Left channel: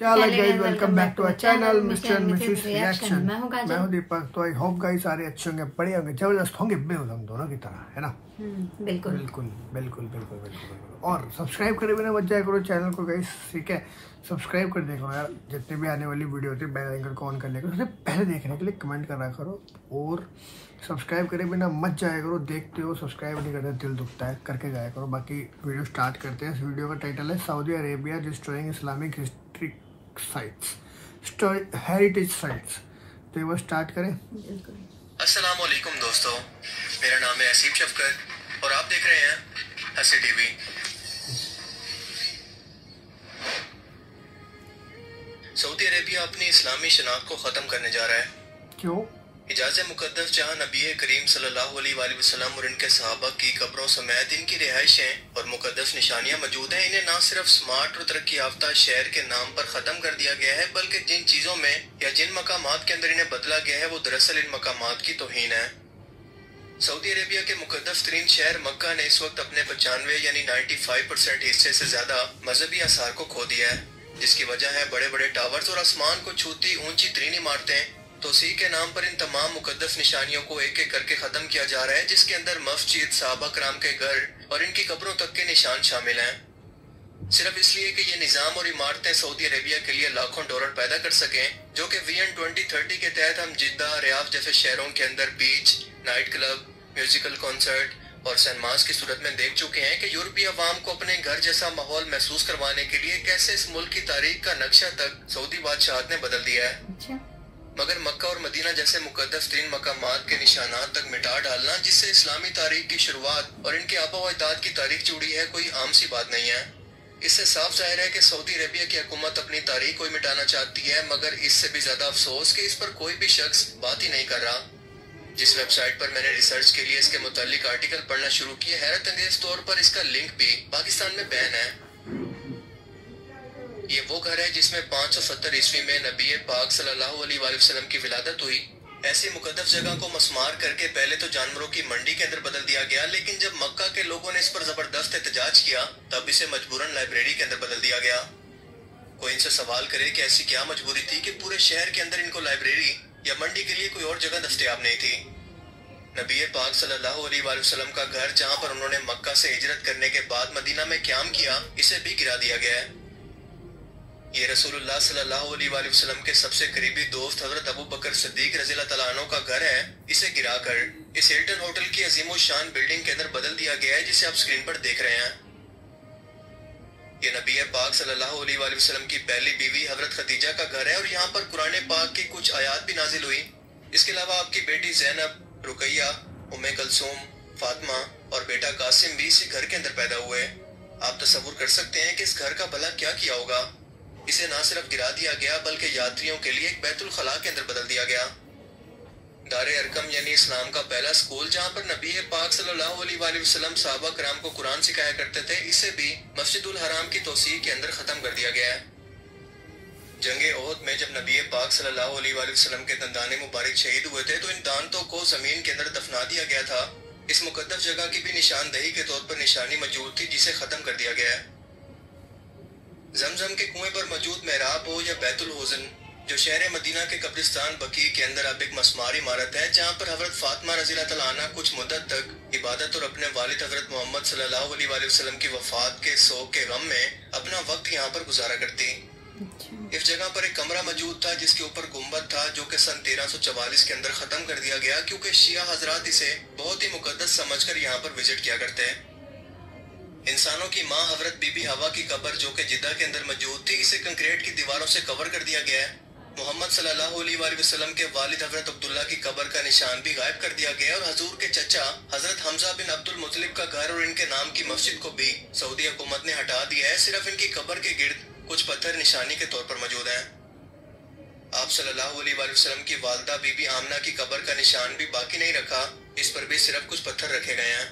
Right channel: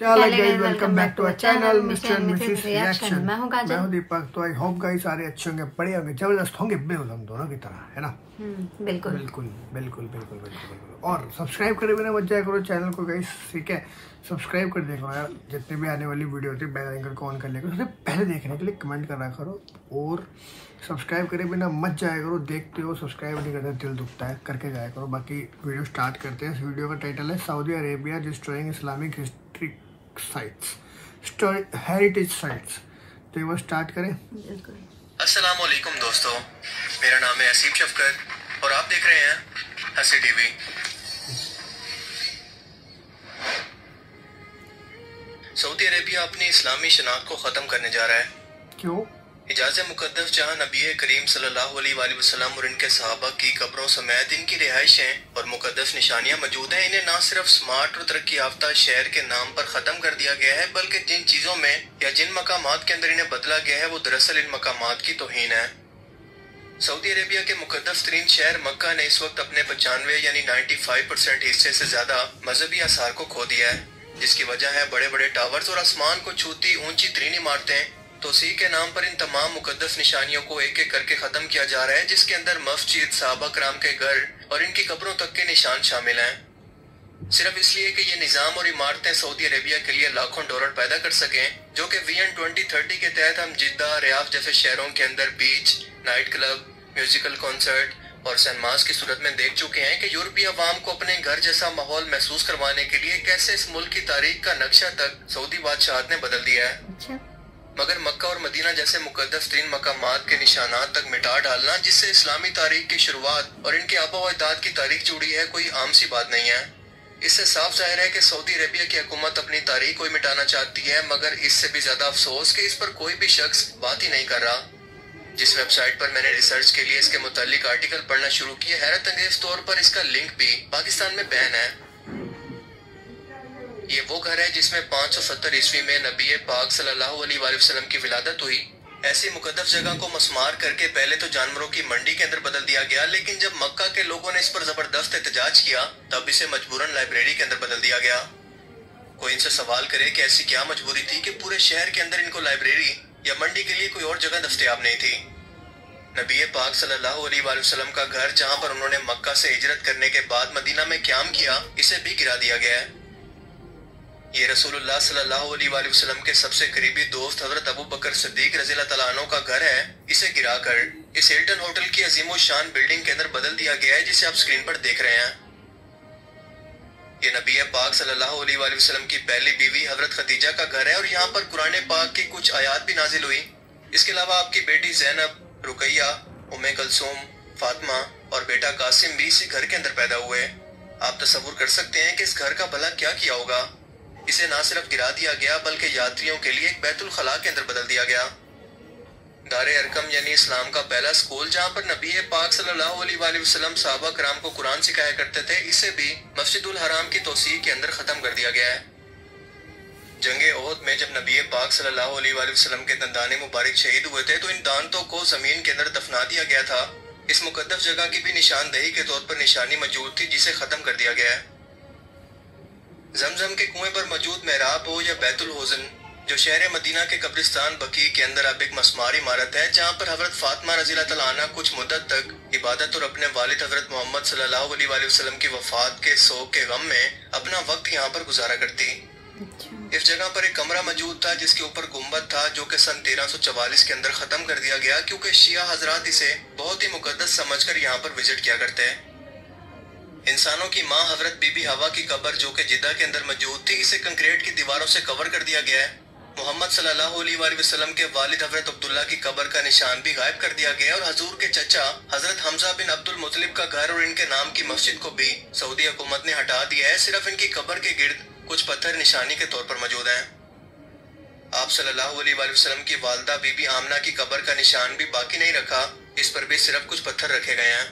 क्या हाल है guys, welcome back to our channel mister and Mrs reaction. मैं हूं दीपक। तो आई होप गाइस सारे अच्छे होंगे, बढ़िया होंगे, जबरदस्त होंगे, बेहद हम दोनों की तरह, है ना। बिल्कुल बिल्कुल बिल्कुल बिल्कुल बिल्कुल। और सब्सक्राइब करे बिना मत जाया करो चैनल को गाइस, ठीक है। सब्सक्राइब कर दिया करो यार, जितने भी आने वाली वीडियो होती है बेल आइकन को ऑन कर लिया करो, सबसे पहले देखने के लिए कमेंट करा करो। और सब्सक्राइब करे बिना मत जाया करो, देखते हो सब्सक्राइब नहीं करते दिल दुखता है, करके जाया करो। बाकी वीडियो स्टार्ट करते हैं। इस वीडियो का टाइटल है Saudi Arabia destroying Islamic history sites, heritage sites. तो ये वो स्टार्ट करें। अस्सलाम वालेकुम दोस्तों, मेरा नाम है असीम शफकत और आप देख रहे हैं हसी टीवी। सऊदी अरेबिया अपनी इस्लामी शनाख्त को खत्म करने जा रहा है। क्यों? हिजाज़ मुक़द्दस जहाँ नबी करीम सल्लल्लाहु अलैहि वसल्लम और इनके सहाबा की कब्रों समेत इनकी रिहाइशें और मुक़द्दस निशानियां मौजूद हैं, इन्हें न सिर्फ स्मार्ट और तरक्की याफ्ता शहर के नाम पर खत्म कर दिया गया है, बल्कि जिन चीजों में या जिन मकामात के अंदर इन्हें बदला गया है वो दरअसल इन मकामात की तौहीन है। सऊदी अरेबिया के मुक़द्दस तरीन शहर मक्का ने इस वक्त अपने 95 यानी 95% हिस्से से ज्यादा मजहबी आसार को खो दिया है, जिसकी वजह है बड़े बड़े टावर्स और आसमान को छूती ऊंची तरीन इमारतें। तोसीह के नाम पर इन तमाम मुकद्दस निशानियों को एक एक करके खत्म किया जा रहा है, जिसके अंदर मस्जिद, सहाबा कराम के घर और इनकी कब्रों तक के निशान शामिल हैं। सिर्फ इसलिए कि ये निजाम और इमारतें सऊदी अरेबिया के लिए लाखों डॉलर पैदा कर सकें, जो कि विजन 2030 के तहत हम जिद्दा, रियाद जैसे शहरों के अंदर बीच, नाइट क्लब, म्यूजिकल कॉन्सर्ट और सिनेमास की सूरत में देख चुके हैं कि यूरोपीय अवाम को अपने घर जैसा माहौल महसूस करवाने के लिए कैसे इस मुल्क की तारीख का नक्शा तक सऊदी बादशाहत ने बदल दिया है। मगर मक्का और मदीना जैसे मुकद्दस तीन मकामात के निशानात तक मिटा डालना, जिससे इस्लामी तारीख की शुरुआत और इनके आबा व अजदाद की तारीख जुड़ी है, कोई आम सी बात नहीं है। इससे साफ जाहिर है कि सऊदी अरेबिया की हुकूमत अपनी तारीख को ही मिटाना चाहती है, मगर इससे भी ज्यादा अफसोस कि इस पर कोई भी शख्स बात ही नहीं कर रहा। जिस वेबसाइट पर मैंने रिसर्च के लिए इसके मुतालिक आर्टिकल पढ़ना शुरू किया, हैरत अंगेज तौर पर इसका लिंक भी पाकिस्तान में बैन है। ये वो घर है जिसमें 570 ईस्वी में नबी पाक सल्लल्लाहु अलैहि वसल्लम की विलादत हुई। ऐसी मुकद्दस जगह को मस्मार करके पहले तो जानवरों की मंडी के अंदर बदल दिया गया, लेकिन जब मक्का के लोगों ने इस पर जबरदस्त एहतजाज किया तब इसे मजबूरन लाइब्रेरी के अंदर बदल दिया गया। कोई इनसे सवाल करे कि ऐसी क्या मजबूरी थी कि पूरे शहर के अंदर इनको लाइब्रेरी या मंडी के लिए कोई और जगह दस्तयाब नहीं थी। नबी पाक सल्लल्लाहु अलैहि वसल्लम का घर, जहाँ पर उन्होंने मक्का से हिजरत करने के बाद मदीना में क़याम किया, इसे भी गिरा दिया गया है। ये रसूलुल्लाह सल्लल्लाहु अलैहि वसल्लम के सबसे करीबी दोस्त हजरत अबू बकर सिद्दीक रज़ियल्लाहु तआला अन्हु का घर है। इसे गिराकर इस हिल्टन होटल की अजीमो शान बिल्डिंग के अंदर बदल दिया गया है, जिसे आप स्क्रीन पर देख रहे हैं। ये नबी पाक सल्लल्लाहु अलैहि वसल्लम की पहली बीवी हजरत खदीजा का घर है और यहाँ पर कुरान पाक की कुछ आयात भी नाजिल हुई। इसके अलावा आपकी बेटी ज़ैनब, रुकैया, उम्मे कलसूम, फातिमा और बेटा कासिम भी इसी घर के अंदर पैदा हुए। आप तसव्वुर कर सकते हैं कि इस घर का भला क्या किया होगा। इसे न सिर्फ गिरा दिया गया बल्कि यात्रियों के लिए एक बैतुल खला के अंदर बदल दिया गया। दारे अरकम यानी इस्लाम का पहला स्कूल, जहाँ पर नबी पाक सल्लल्लाहु अलैहि वसल्लम सहाबा कराम को कुरान सिखाया करते थे, इसे भी मस्जिदुल हराम की तौसीह के अंदर खत्म कर दिया गया है। जंगे ओहद में जब नबी पाक सल्लल्लाहु अलैहि वसल्लम के दंदाने मुबारक शहीद हुए थे तो इन दांतों को जमीन के अंदर दफना दिया गया था। इस मुकद्दस जगह की भी निशानदेही के तौर पर निशानी मौजूद थी, जिसे खत्म कर दिया गया है। जमजम के कुएं पर मौजूद मेहराब हो या बैतुल हुज़न, जो शहर मदीना के कब्रिस्तान बकी के अंदर अब एक मस्मार इमारत है, जहाँ पर हजरत फातिमा रज़ियल्लाहु तआला अन्हा कुछ मुद्दत तक इबादत और अपने वालिद हजरत मोहम्मद सल्लल्लाहु अलैहि वसल्लम की वफात के सोग के गम में अपना वक्त यहाँ पर गुजारा करती। इस जगह पर एक कमरा मौजूद था जिसके ऊपर गुम्बद था, जो कि सन 1344 के अंदर खत्म कर दिया गया, क्योंकि शिया हजरात इसे बहुत ही मुकद्दस समझकर यहाँ पर विजिट किया करते हैं। इंसानों की माँ हजरत बीबी हवा की कब्र, जो कि जिद्दा के अंदर मौजूद थी, इसे कंक्रीट की दीवारों से कवर कर दिया गया है। मोहम्मद सल्लल्लाहु अलैहि वसल्लम के वालिद हजरत अब्दुल्ला की कब्र का निशान भी गायब कर दिया गया और हजूर के चचा हजरत हमजा बिन अब्दुल मुत्तलिब का घर और इनके नाम की मस्जिद को भी सऊदी हुकूमत ने हटा दिया है। सिर्फ इनकी कब्र के गिर्द कुछ पत्थर निशानी के तौर पर मौजूद हैं। आप सल्लल्लाहु अलैहि वसल्लम की वालदा बीबी आमना की कब्र का निशान भी बाकी नहीं रखा, इस पर भी सिर्फ कुछ पत्थर रखे गए हैं।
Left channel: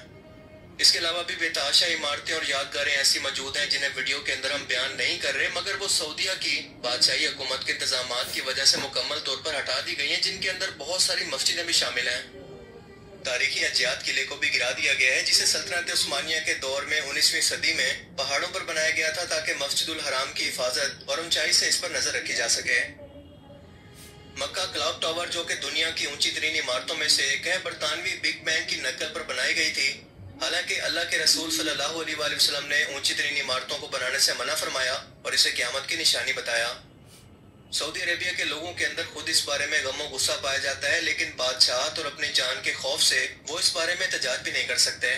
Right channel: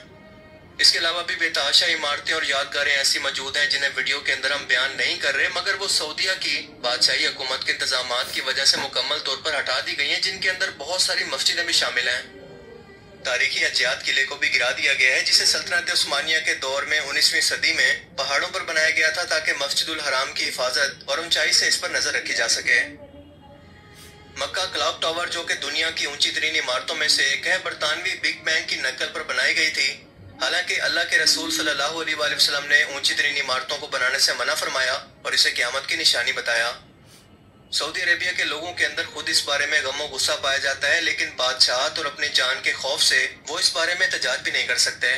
इसके अलावा भी बेतहाशा इमारतें और यादगारें ऐसी मौजूद हैं जिन्हें वीडियो के अंदर हम बयान नहीं कर रहे, मगर वो सऊदिया की बादशाही हुकूमत के इंतजामात की वजह से मुकम्मल तौर पर हटा दी गई हैं, जिनके अंदर बहुत सारी मस्जिदें भी शामिल हैं। तारीखी अज्यात किले को भी गिरा दिया गया है, जिसे सल्तनत उस्मानिया के दौर में 19वीं सदी में पहाड़ों पर बनाया गया था ताकि मस्जिदुल हराम की हिफाजत और ऊंचाई से इस पर नजर रखी जा सके। मक्का क्लॉक टावर, जो कि दुनिया की ऊंची तरीन इमारतों में से एक है, बरतानवी बिग बैंग की नकल पर बनाई गई थी। हालांकि अल्लाह के रसूल सल्लल्लाहु अलैहि वसल्लम ने ऊंची तरीन इमारतों को बनाने से मना फरमाया और इसे क़यामत की निशानी बताया। सऊदी अरेबिया के लोगों के अंदर खुद इस बारे में गम और गुस्सा पाया जाता है, लेकिन बादशाहत और अपनी जान के खौफ से वो इस बारे में एहतजाज भी नहीं कर सकते।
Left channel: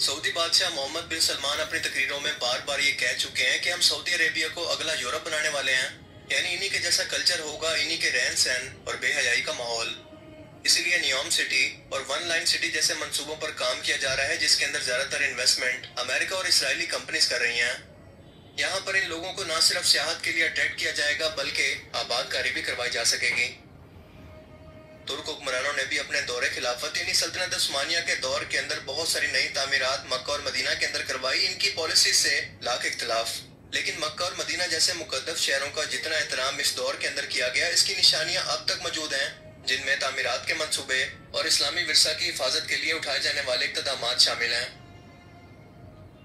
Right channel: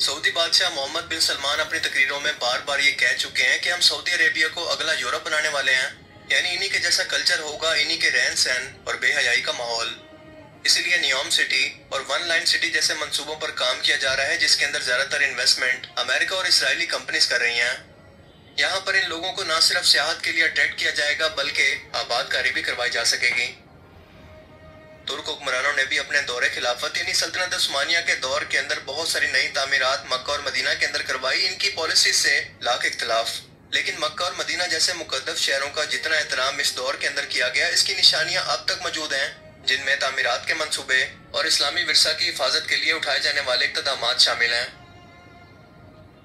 सऊदी बादशाह मोहम्मद बिन सलमान अपनी तकरीरों में बार बार ये कह चुके हैं कि हम सऊदी अरेबिया को अगला यूरोप बनाने वाले हैं, यानी इन्हीं के जैसा कल्चर होगा, इन्हीं के रहन सहन और बेहयाई का माहौल। इसीलिए नियोम सिटी और वन लाइन सिटी जैसे मंसूबों पर काम किया जा रहा है, जिसके अंदर ज्यादातर इन्वेस्टमेंट अमेरिका और इसराइली कंपनीज कर रही हैं। यहाँ पर इन लोगों को न सिर्फ सियाहत के लिए अट्रैक्ट किया जाएगा, बल्कि आबादकारी भी करवाई जा सकेगी। तुर्क हुक्मरानों ने भी अपने दौरे खिलाफत यानी सल्तनत उस्मानिया के दौर के अंदर बहुत सारी नई तामीरात मक्का और मदीना के अंदर करवाई। इनकी पॉलिसी से लाख इख्तलाफ, लेकिन मक्का और मदीना जैसे मुकद्दस शहरों का जितना एहतराम इस दौर के अंदर किया गया, इसकी निशानियां अब तक मौजूद हैं, जिनमें तामीरात के मंसूबे और इस्लामी विरसा की हिफाजत के लिए उठाए जाने वाले इक़दामात शामिल हैं।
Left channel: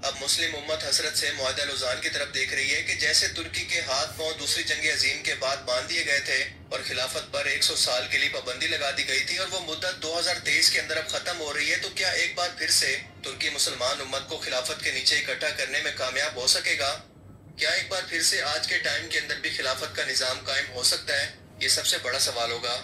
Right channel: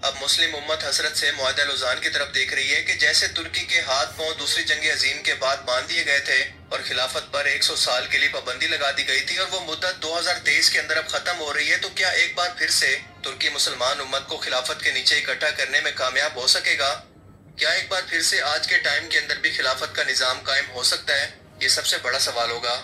अब मुस्लिम उम्मत हसरत से मुआहदा लुज़ान की तरफ देख रही है कि जैसे तुर्की के हाथ पांव दूसरी जंग अजीम के बाद बांध दिए गए थे और खिलाफत पर 100 साल के लिए पाबंदी लगा दी गई थी और वो मुद्दत 2023 के अंदर अब खत्म हो रही है, तो क्या एक बार फिर से तुर्की मुसलमान उम्मत को खिलाफत के नीचे इकट्ठा करने में कामयाब हो सकेगा? क्या एक बार फिर से आज के टाइम के अंदर भी खिलाफत का निजाम कायम हो सकता है? ये सबसे बड़ा सवाल होगा।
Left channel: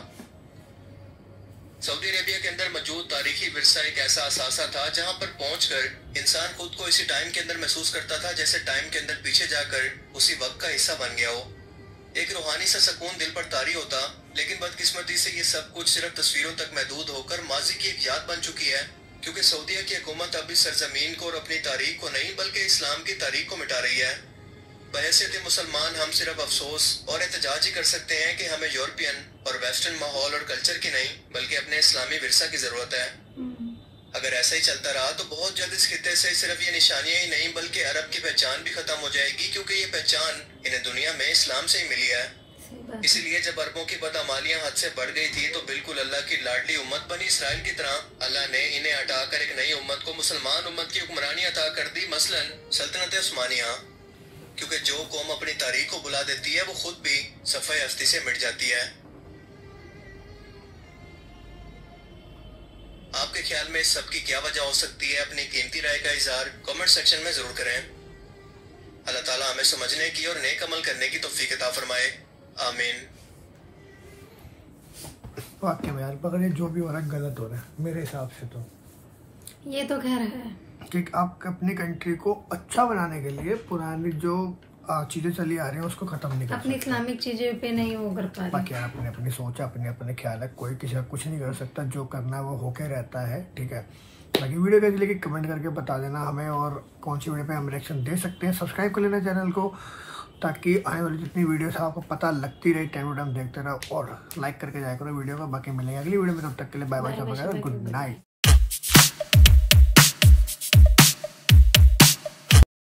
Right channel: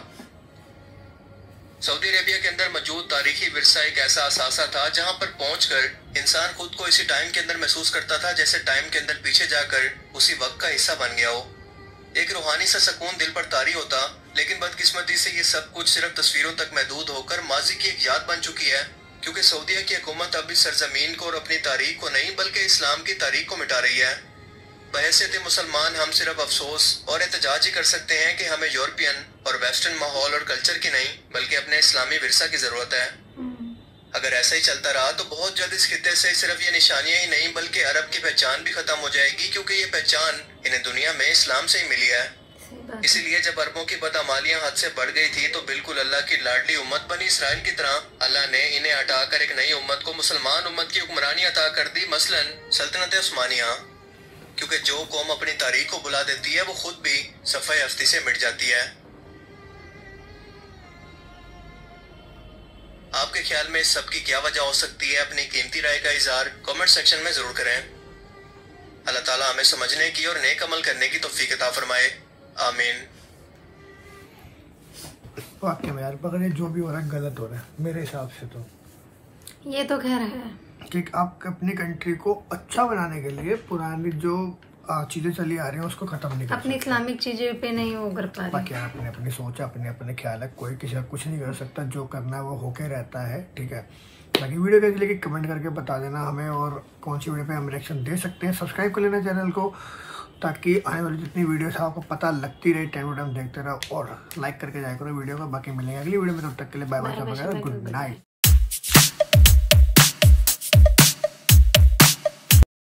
सऊदी अरेबिया के अंदर मौजूद तारीखी विरसा एक ऐसा असासा था जहां पर पहुंचकर इंसान खुद को इसी टाइम के अंदर महसूस करता था जैसे टाइम के अंदर पीछे जाकर उसी वक्त का हिस्सा बन गया हो। एक रूहानी सा सुकून दिल पर तारी होता, लेकिन बदकिस्मती से ये सब कुछ सिर्फ तस्वीरों तक महदूद होकर माजी की एक याद बन चुकी है, क्योंकि सऊदीया की हुकूमत अब इस सरजमीन को और अपनी तारीख को नहीं बल्कि इस्लाम की तारीख को मिटा रही है। बहैसियत मुसलमान हम सिर्फ अफसोस और एहतजाज ही कर सकते हैं कि हमें यूरोपियन और वेस्टर्न माहौल और कल्चर की नहीं बल्कि अपने इस्लामी विरसा की जरूरत है। अगर ऐसा ही चलता रहा तो बहुत जल्द इस खित्ते से सिर्फ ये निशानियां ही नहीं बल्कि अरब की पहचान भी खत्म हो जाएगी, क्योंकि ये पहचान इन्हें दुनिया में इस्लाम से ही मिली है। इसीलिए जब अरबों की बदअमालियां हद से बढ़ गई थी तो बिल्कुल अल्लाह की लाडली उम्मत बनी इसराइल की तरह अल्लाह ने इन्हें हटाकर एक नई उम्मत को मुसलमान उम्मत की हुक्मरानी अता कर दी, मसलन सल्तनत उस्मानिया। क्योंकि जो कौम अपनी तारीख को भुला देती है वो खुद भी सफ़े हस्ती से मिट जाती है। आपके ख्याल में इस सब की क्या वजह हो सकती है? अपनी कीमती राय का इजहार कमेंट सेक्शन में जरूर करें। अल्लाह ताला हमें समझने की और नेक अमल करने की तौफीक अता फरमाए, आमीन। वाकई में यार पकड़े जो भी हो रहा है गलत हो रहा है मेरे हिसाब से। तो ये तो खैर है कि आप अपनी कंट्री को अच्छा बनाने के लिए पुरानी जो चीजें चली आ रही हैं उसको खत्म नहीं कर सकते, अपनी इस्लामिक चीजें पे नहीं वो कर पा रहे। बाकी यार अपने अपनी सोच है, अपने अपने ख्याल है, कोई किसी का कुछ नहीं कर सकता, जो करना है वो होके रहता है, ठीक है। बाकी वीडियो कैसी लगी कमेंट करके बता देना हमें, और कौन सी वीडियो पे हम रिएक्शन दे सकते हैं। सब्सक्राइब कर लेना चैनल को ताकि आने वाली जितनी वीडियोस है आपको पता लगती रहे, टाइम टू टाइम देखते रहो और लाइक करके जाया करो वीडियो को। बाकी मिलेंगे अगली वीडियो में, तब तक के लिए बाय बाय, गुड नाइट।